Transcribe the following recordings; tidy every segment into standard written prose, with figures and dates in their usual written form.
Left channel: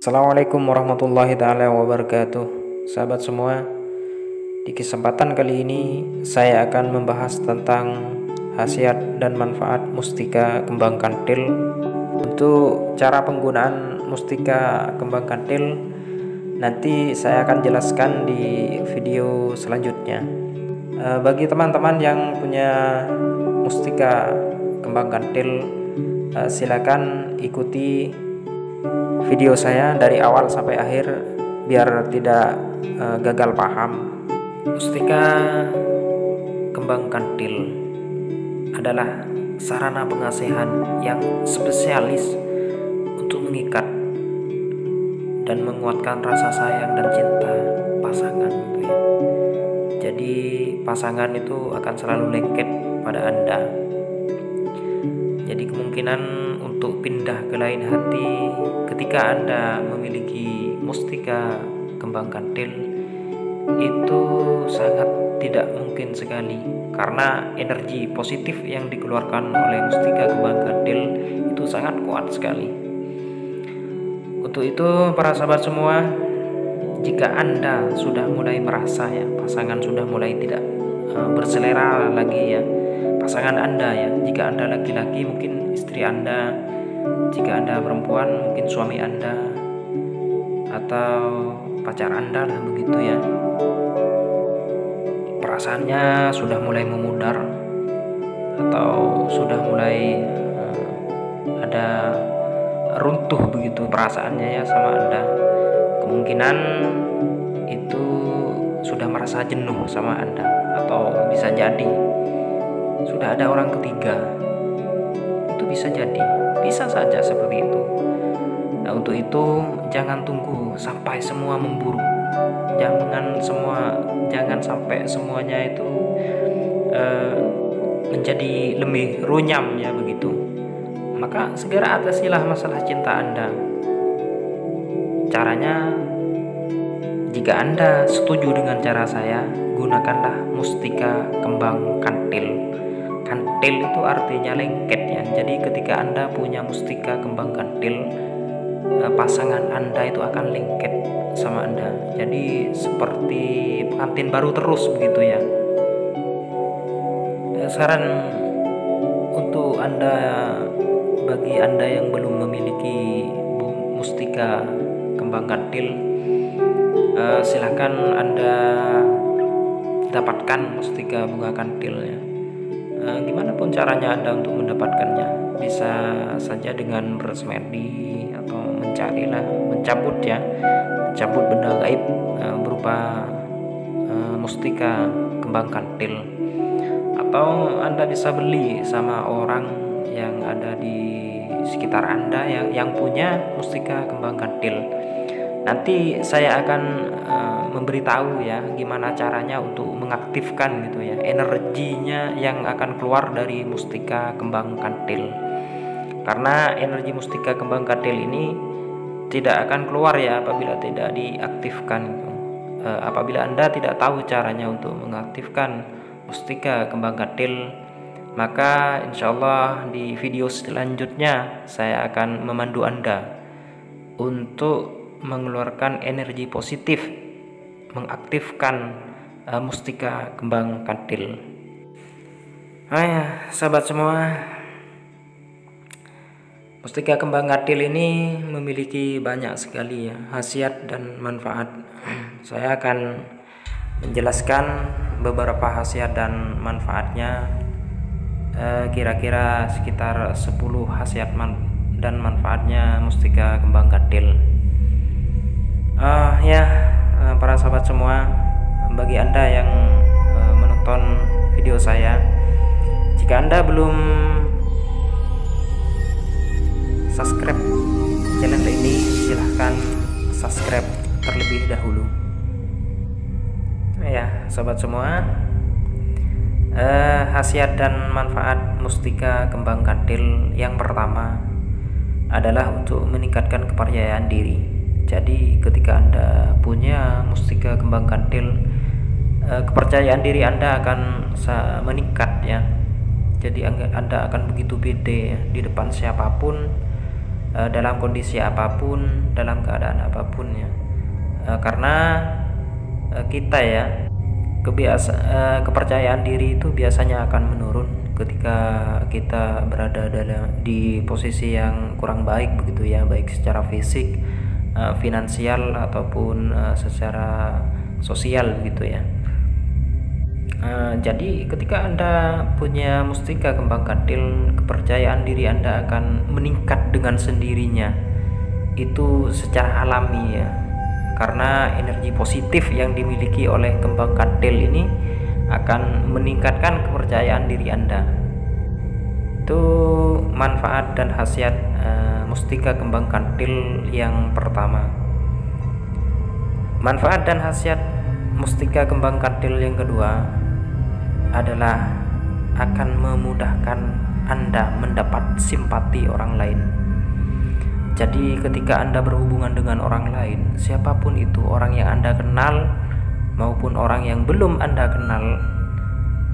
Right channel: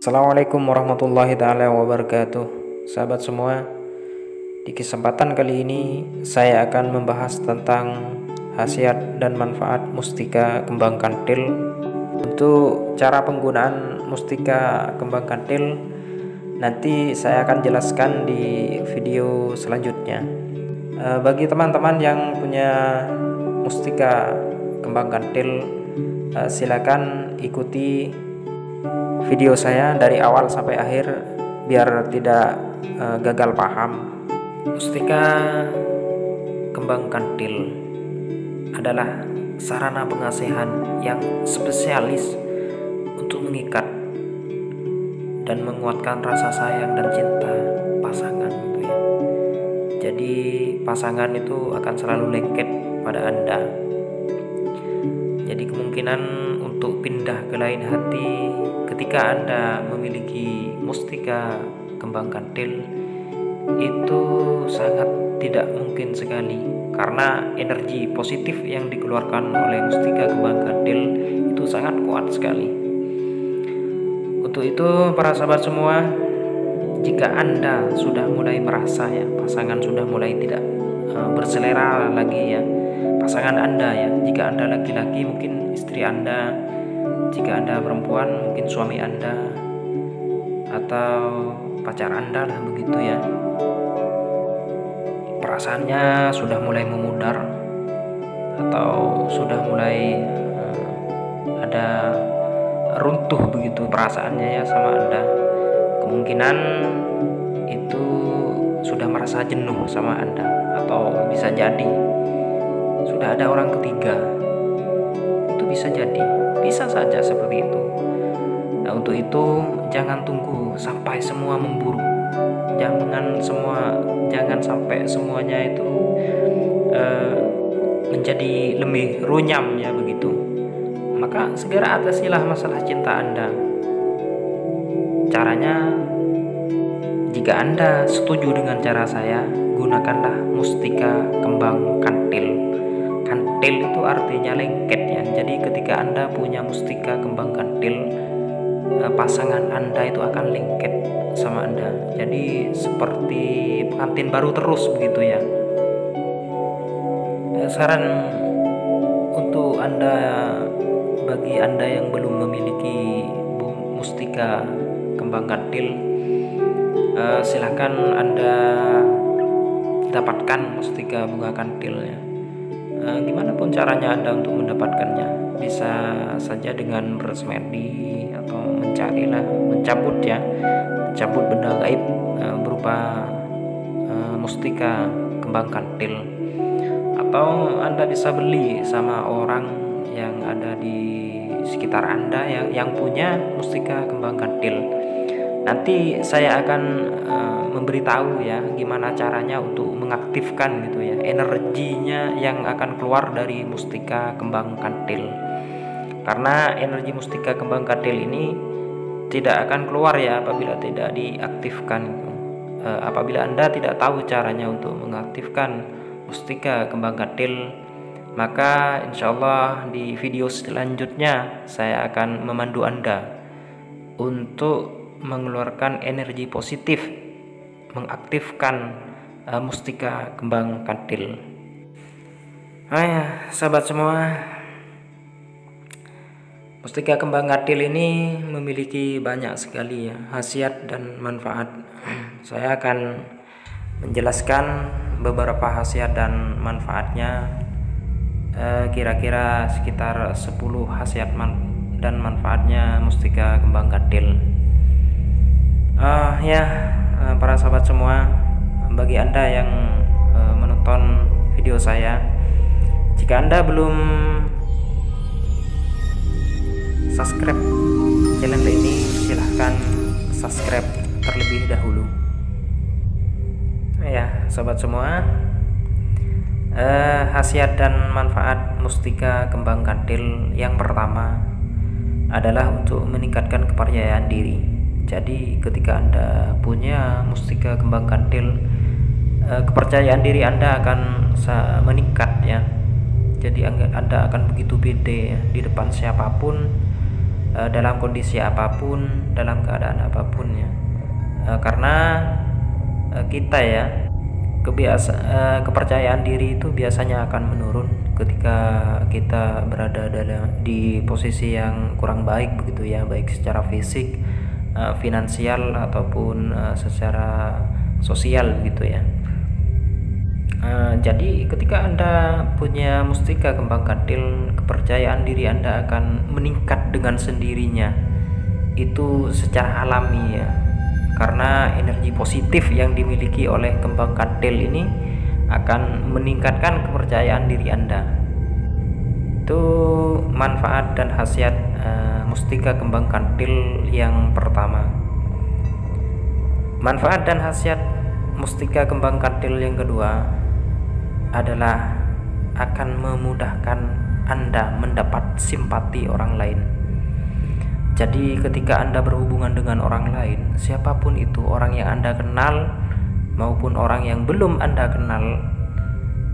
Assalamualaikum warahmatullahi taala wabarakatuh. Sahabat semua, di kesempatan kali ini saya akan membahas tentang khasiat dan manfaat mustika kembang kantil. Untuk cara penggunaan mustika kembang kantil nanti saya akan jelaskan di video selanjutnya. Bagi teman-teman yang punya mustika kembang kantil, silakan ikuti video saya dari awal sampai akhir biar tidak gagal paham. Mustika kembang kantil adalah sarana pengasihan yang spesialis untuk mengikat dan menguatkan rasa sayang dan cinta pasangan gitu ya. Jadi pasangan itu akan selalu lengket pada Anda. Jadi kemungkinan untuk pindah ke lain hati ketika Anda memiliki mustika kembang kantil itu sangat tidak mungkin sekali, karena energi positif yang dikeluarkan oleh mustika kembang kantil itu sangat kuat sekali. Untuk itu para sahabat semua, jika Anda sudah mulai merasa ya pasangan sudah mulai tidak berselera lagi ya, pasangan Anda ya, jika Anda laki-laki mungkin istri Anda, jika Anda perempuan mungkin suami Anda atau pacar Anda lah begitu ya, perasaannya sudah mulai memudar atau sudah mulai ada runtuh begitu perasaannya ya sama Anda, kemungkinan itu sudah merasa jenuh sama Anda, atau bisa jadi sudah ada orang ketiga. Itu bisa jadi, bisa saja seperti itu. Nah, untuk itu jangan tunggu sampai semua memburuk. Jangan sampai semuanya itu menjadi lebih runyam ya begitu. Maka segera atasilah masalah cinta Anda. Caranya, jika Anda setuju dengan cara saya, gunakanlah mustika kembang kantil. Kantil itu artinya lengket ya. Jadi ketika Anda punya mustika kembang kantil, pasangan Anda itu akan lengket sama Anda. Jadi seperti pengantin baru terus begitu ya. Saran untuk Anda, bagi Anda yang belum memiliki mustika kembang kantil, silakan Anda dapatkan mustika bunga kantil ya. Gimana pun caranya Anda untuk mendapatkannya, bisa saja dengan bersemedi atau mencabut benda gaib berupa mustika kembang kantil, atau Anda bisa beli sama orang yang ada di sekitar Anda yang punya mustika kembang kantil. Nanti saya akan memberitahu ya gimana caranya untuk mengaktifkan gitu ya energinya yang akan keluar dari mustika kembang kantil. Karena energi mustika kembang kantil ini tidak akan keluar ya apabila tidak diaktifkan gitu. Apabila Anda tidak tahu caranya untuk mengaktifkan mustika kembang kantil, maka insya Allah di video selanjutnya saya akan memandu Anda untuk mengeluarkan energi positif, mengaktifkan mustika kembang kantil. Sahabat semua, mustika kembang kantil ini memiliki banyak sekali ya khasiat dan manfaat. Saya akan menjelaskan beberapa khasiat dan manfaatnya, kira-kira sekitar 10 khasiat dan manfaatnya mustika kembang kantil. Para sahabat semua, bagi Anda yang menonton video saya, jika Anda belum subscribe channel ini, silahkan subscribe terlebih dahulu. Ya, sahabat semua, khasiat dan manfaat mustika kembang kantil yang pertama adalah untuk meningkatkan kepercayaan diri. Jadi ketika Anda punya mustika kembang kantil, kepercayaan diri Anda akan meningkat ya. Jadi Anda akan begitu pede ya, di depan siapapun dalam kondisi apapun, dalam keadaan apapun ya. Karena kita ya kepercayaan diri itu biasanya akan menurun ketika kita berada di posisi yang kurang baik begitu ya, baik secara fisik, finansial ataupun secara sosial gitu ya. Jadi ketika Anda punya mustika kembang kantil, kepercayaan diri Anda akan meningkat dengan sendirinya. Itu secara alami ya. Karena energi positif yang dimiliki oleh kembang kantil ini akan meningkatkan kepercayaan diri Anda. Itu manfaat dan khasiat mustika kembang kantil yang pertama. Manfaat dan khasiat mustika kembang kantil yang kedua adalah akan memudahkan Anda mendapat simpati orang lain. Jadi ketika Anda berhubungan dengan orang lain, siapapun itu, orang yang Anda kenal maupun orang yang belum Anda kenal,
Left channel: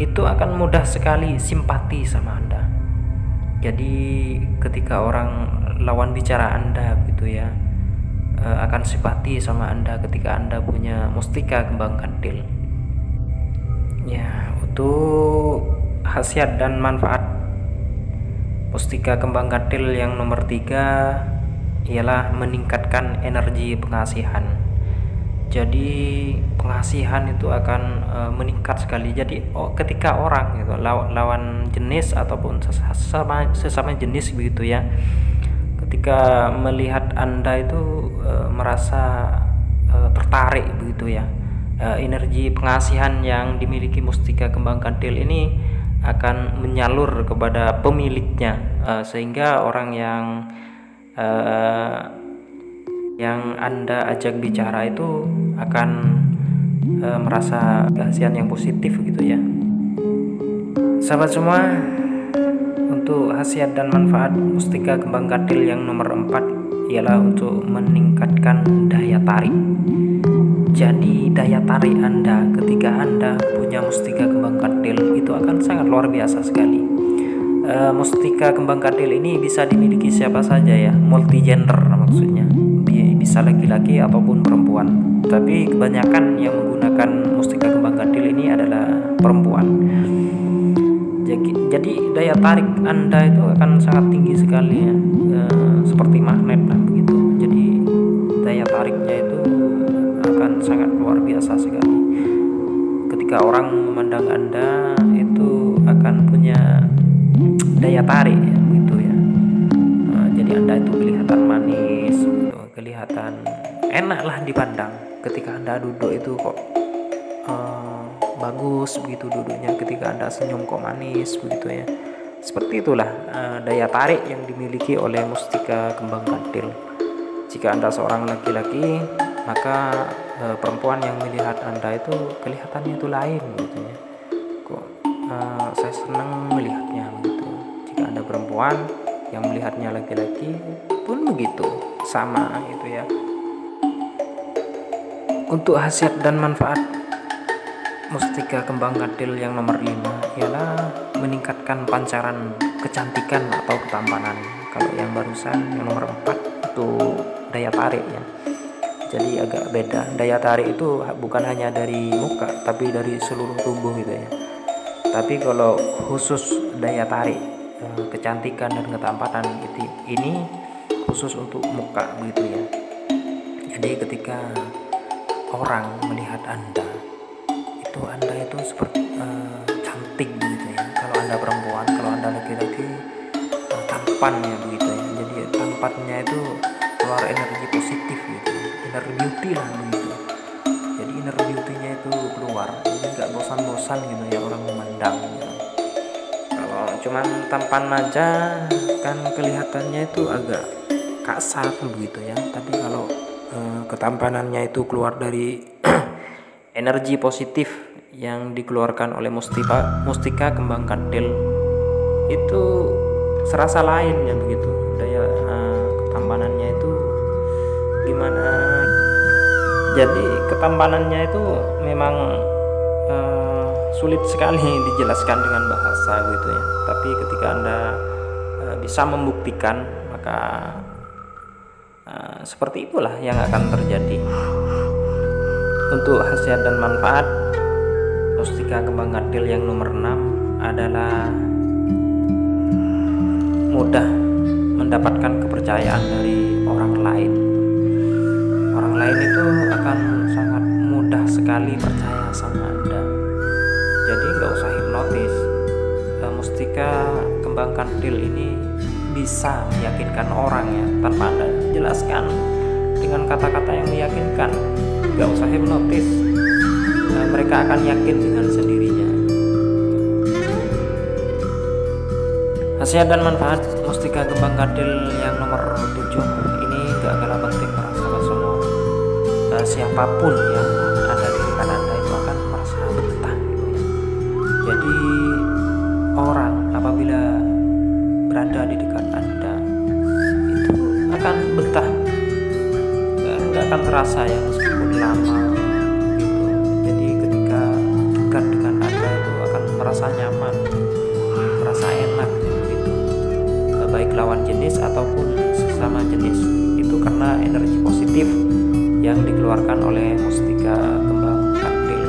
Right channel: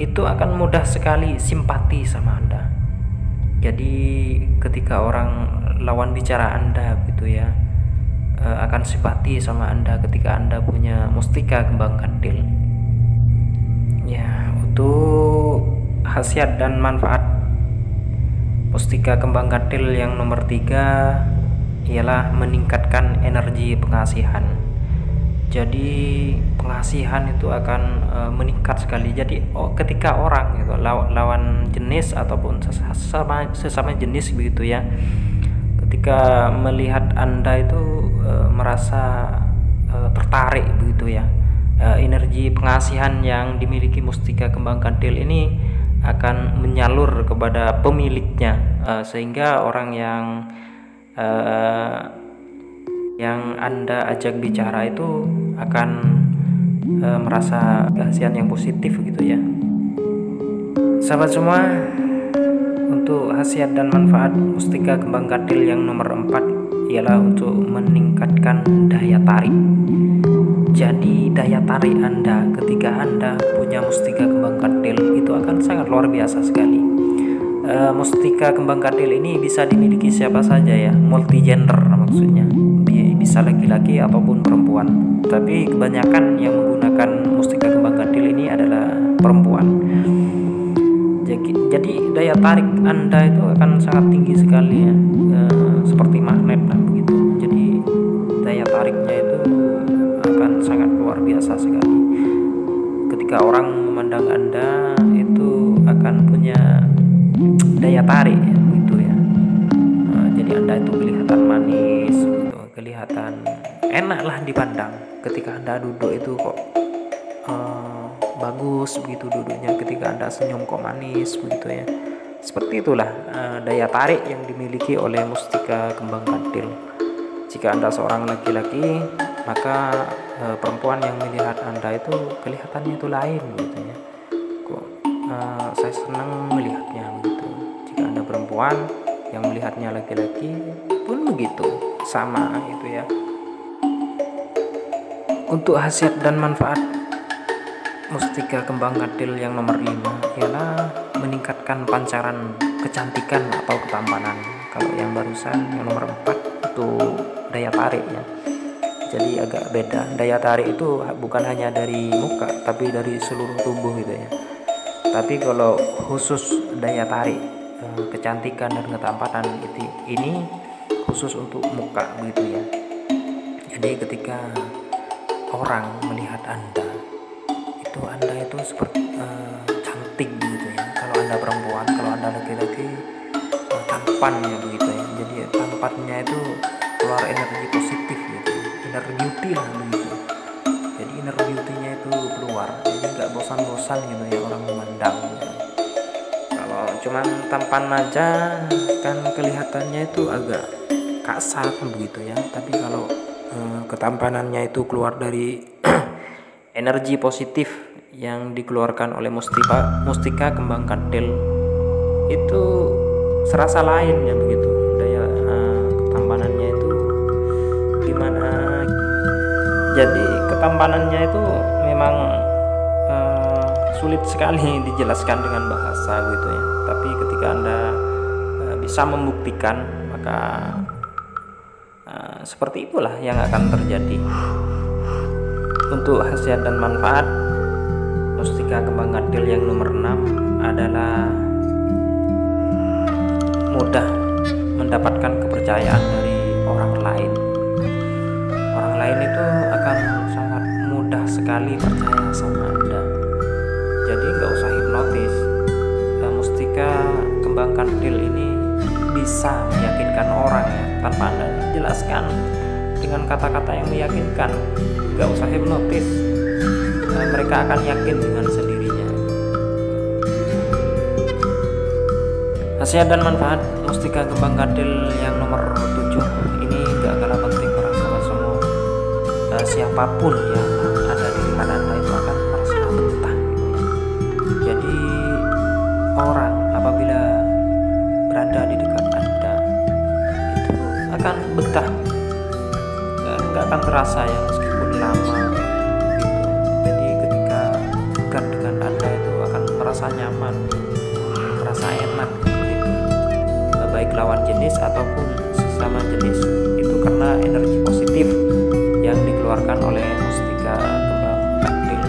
itu akan mudah sekali simpati sama Anda. Jadi ketika orang lawan bicara Anda gitu ya, akan simpati sama Anda ketika Anda punya mustika kembang kantil. Ya, untuk khasiat dan manfaat mustika kembang kantil yang nomor 3 ialah meningkatkan energi pengasihan. Jadi pengasihan itu akan meningkat sekali. Jadi ketika orang gitu, lawan jenis ataupun sesama jenis begitu ya, ketika melihat Anda itu merasa tertarik begitu ya, energi pengasihan yang dimiliki mustika kembang kantil ini akan menyalur kepada pemiliknya, sehingga orang yang Anda ajak bicara itu akan merasa kasihan yang positif gitu ya. Sahabat semua, untuk khasiat dan manfaat mustika kembang kantil yang nomor 4 ialah untuk meningkatkan daya tarik. Jadi daya tarik Anda ketika Anda punya mustika kembang kantil itu akan sangat luar biasa sekali. Mustika kembang kantil ini bisa dimiliki siapa saja ya, multi gender maksudnya, bisa laki-laki ataupun perempuan. Tapi kebanyakan yang menggunakan mustika kembang kantil ini adalah perempuan. Jadi daya tarik Anda itu akan sangat tinggi sekali ya, seperti magnet lah begitu. Jadi daya tariknya itu akan sangat luar biasa sekali. Ketika orang memandang Anda itu akan punya daya tarik ya, begitu ya. Jadi Anda itu kelihatan manis gitu, kelihatan enak lah dipandang. Ketika Anda duduk itu kok bagus begitu duduknya, ketika Anda senyum kok manis begitu ya. Seperti itulah daya tarik yang dimiliki oleh mustika kembang kantil. Jika Anda seorang laki-laki, maka perempuan yang melihat Anda itu kelihatannya itu lain gitu ya. Kok saya senang melihatnya begitu. Jika Anda perempuan yang melihatnya laki-laki pun begitu, sama gitu ya. Untuk khasiat dan manfaat mustika kembang kantil yang nomor 5 ialah meningkatkan pancaran kecantikan atau ketampanan. Kalau yang barusan yang nomor 4 itu daya tarik ya. Jadi agak beda. Daya tarik itu bukan hanya dari muka, tapi dari seluruh tubuh gitu ya. Tapi kalau khusus daya tarik kecantikan dan ketampanan ini khusus untuk muka begitu ya. Jadi ketika orang melihat Anda itu seperti cantik gitu ya. Kalau Anda perempuan, kalau Anda laki-laki tampannya begitu ya. Jadi tampannya itu keluar energi positif gitu ya. Inner beauty lah begitu. Jadi inner beauty-nya itu keluar. Jadi nggak bosan-bosan gitu ya orang memandang gitu. Kalau cuman tampan aja kan kelihatannya itu agak kasar begitu ya. Tapi kalau ketampanannya itu keluar dari energi positif yang dikeluarkan oleh mustika kembang kantil, itu serasa lain ya begitu. Daya ketampanannya itu gimana? Jadi ketampanannya itu memang sulit sekali dijelaskan dengan bahasa gitu ya. Tapi ketika Anda bisa membuktikan, maka seperti itulah yang akan terjadi. Untuk khasiat dan manfaat mustika kembang kandil yang nomor 6 adalah mudah mendapatkan kepercayaan dari orang lain. Orang lain itu akan sangat mudah sekali percaya sama Anda. Jadi nggak usah hipnotis. Mustika kembang kandil ini bisa meyakinkan orang ya, tanpa Anda jelaskan dengan kata-kata yang meyakinkan. Nggak usah hipnotis, mereka akan yakin dengan sendirinya. Khasiat dan manfaat mustika kembang kandil yang nomor 7 ini nggak kalah penting para sahabat semua. Siapapun yang ada di dekat Anda itu akan merasa betah gitu ya. Jadi orang apabila berada di dekat Anda itu akan betah, nggak akan terasa ya meskipun lama gitu. Jadi ketika dekat dengan Anda itu akan merasa nyaman, merasa enak gitu, baik lawan jenis ataupun sesama jenis. Itu karena energi positif yang dikeluarkan oleh mustika kembang kandil,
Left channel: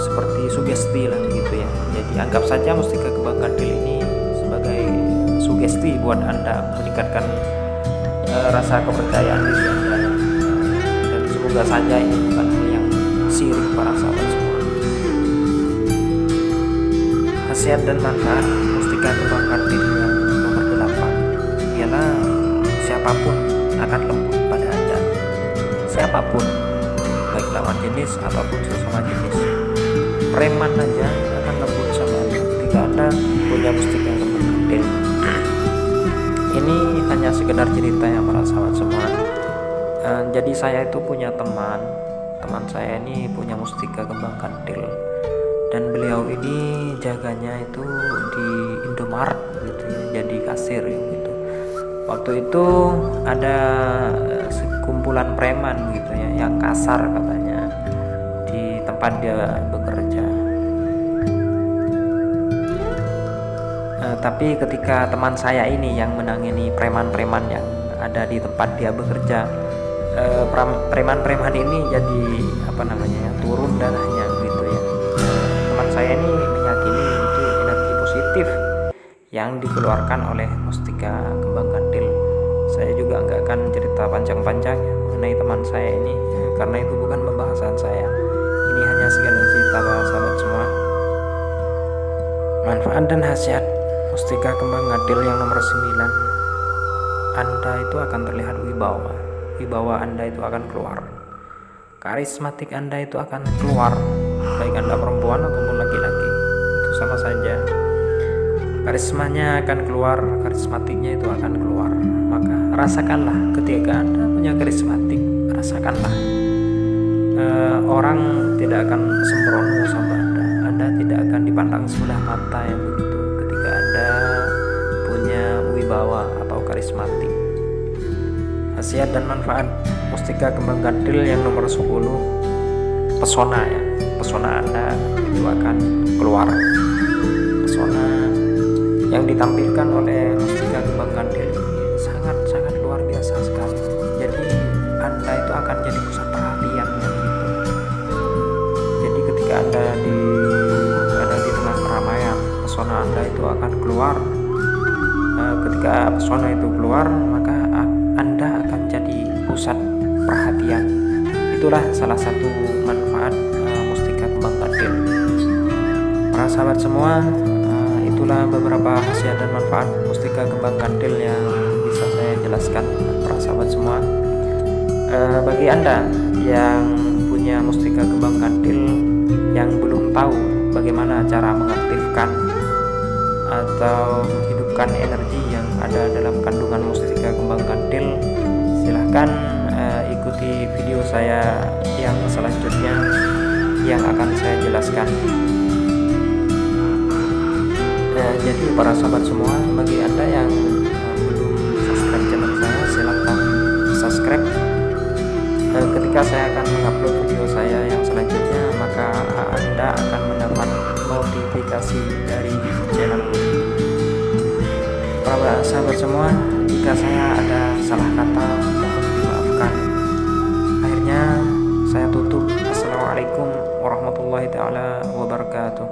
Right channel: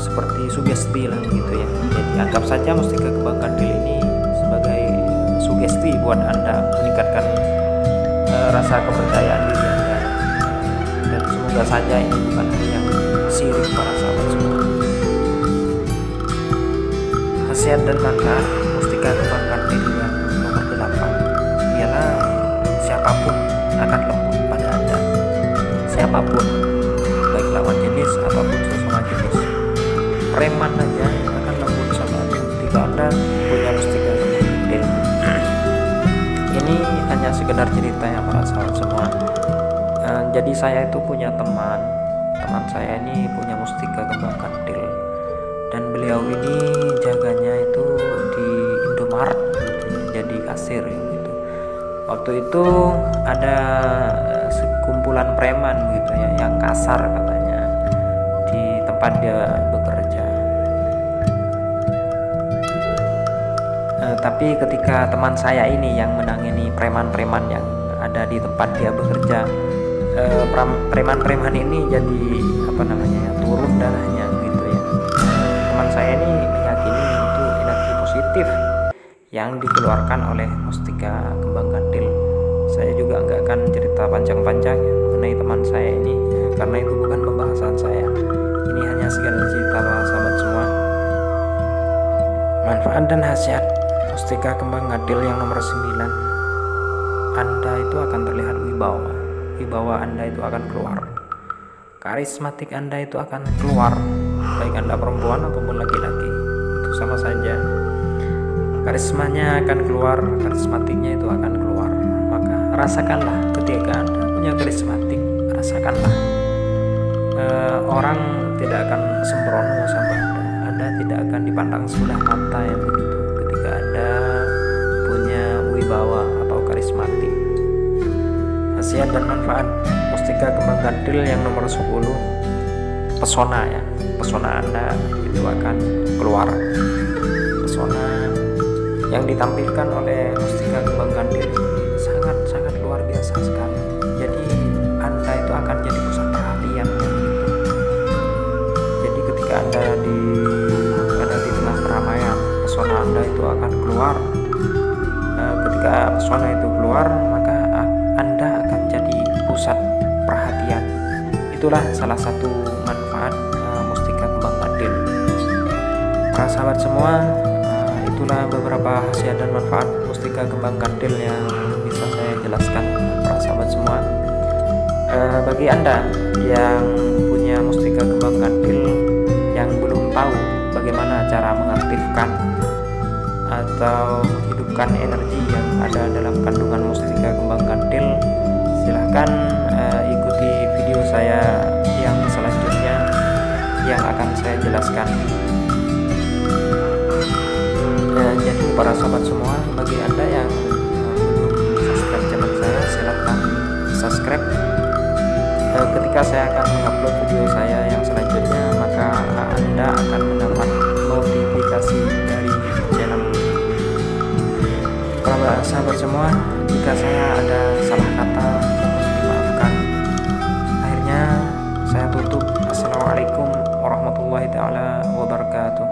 seperti sugesti lah gitu ya. Jadi anggap saja mustika kembang kandil ini sebagai sugesti buat Anda, meningkatkan rasa kepercayaan diri Anda. Dan semoga saja ini bukan hal yang sirik para sahabat semua. Khasiat dan manfaat mustika kembang kandil yang nomor 8 ialah siapapun akan lembut pada Anda. Siapapun, baik lawan jenis ataupun sesama jenis. Preman aja akan lembut sama Anda ketika Anda punya mustika kembang kandil. Ini hanya sekedar cerita ya para sahabat semua. Jadi saya itu punya teman saya ini punya mustika kembang kandil, dan beliau ini jaganya itu di Indomaret gitu ya, jadi kasir gitu. Waktu itu ada sekumpulan preman gitu ya, yang kasar katanya di tempat dia bekerja. Tapi ketika teman saya ini yang menangani preman-preman yang ada di tempat dia bekerja, preman-preman ini jadi turun darahnya gitu ya. Teman saya ini meyakini itu energi positif yang dikeluarkan oleh mustika kembang kandil. Saya juga nggak akan cerita panjang-panjang ya mengenai teman saya ini, karena itu bukan pembahasan saya. Ini hanya sekedar cerita para sahabat semua. Manfaat dan khasiat mustika kembang kandil yang nomor 9, Anda itu akan terlihat wibawa Anda itu akan keluar, karismatik Anda itu akan keluar, baik Anda perempuan ataupun laki-laki, itu sama saja. Karismanya akan keluar, karismatiknya itu akan keluar. Maka rasakanlah ketika Anda punya karismatik, rasakanlah. Orang tidak akan sembrono sama Anda tidak akan dipandang sebelah mata yang begitu ketika Anda punya wibawa atau karismatik. Khasiat dan manfaat mustika kembang kandil yang nomor 10, pesona ya. Pesona Anda itu akan keluar. Pesona yang ditampilkan oleh mustika kembang kandil ini sangat luar biasa sekali. Jadi Anda itu akan jadi pusat perhatian gitu. Jadi ketika Anda ada di tengah keramaian, pesona Anda itu akan keluar. Ketika pesona itu keluar, maka Anda akan jadi pusat perhatian. Itulah salah satu manfaat mustika kembang kandil. Para sahabat semua, itulah beberapa khasiat dan manfaat mustika kembang kandil yang bisa saya jelaskan para sahabat semua. Bagi Anda yang punya mustika kembang kandil yang belum tahu bagaimana cara mengaktifkan atau menghidupkan energi yang ada dalam kandungan mustika kembang kandil, silahkan ikuti video saya yang selanjutnya yang akan saya jelaskan. Jadi para sahabat semua, bagi Anda yang belum subscribe channel saya, silahkan subscribe. Ketika saya akan mengupload video saya yang selanjutnya, maka Anda akan mendapat notifikasi dari channel. Para sahabat semua, jika saya ada salah kata, Assalamualaikum warahmatullahi taala wabarakatuh.